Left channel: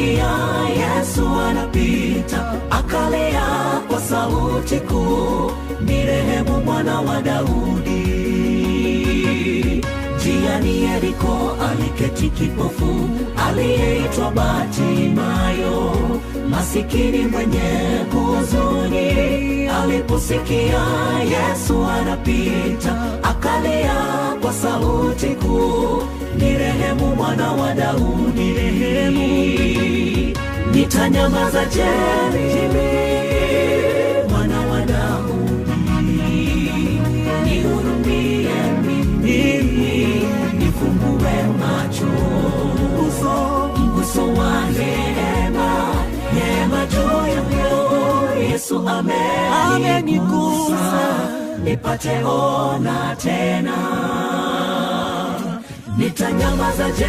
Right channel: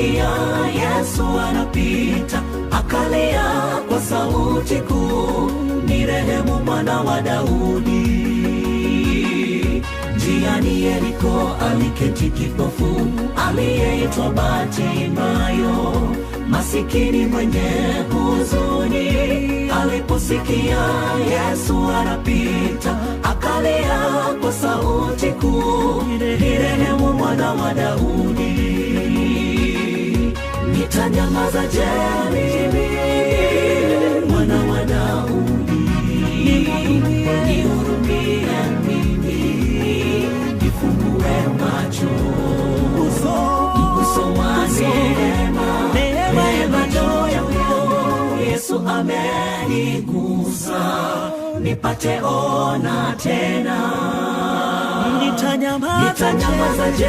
aliposikia Yesu anapita, akalia kwa sauti kuu, ni rehemu mwana wa Daudi. Njiani Yeriko aliketi kipofu aliyeitwa Bartimayo, masikini mwenye huzuni. Aliposikia Yesu anapita, akalia kwa sauti kuu, ni rehemu mwana wa Daudi. Nitanyamaza je, mwana wa Daudi? Nihurumie mimi, nifungue macho, uso wa neema juu. Yesu amenigusa, nipate ona tena. Nitanyamaza je,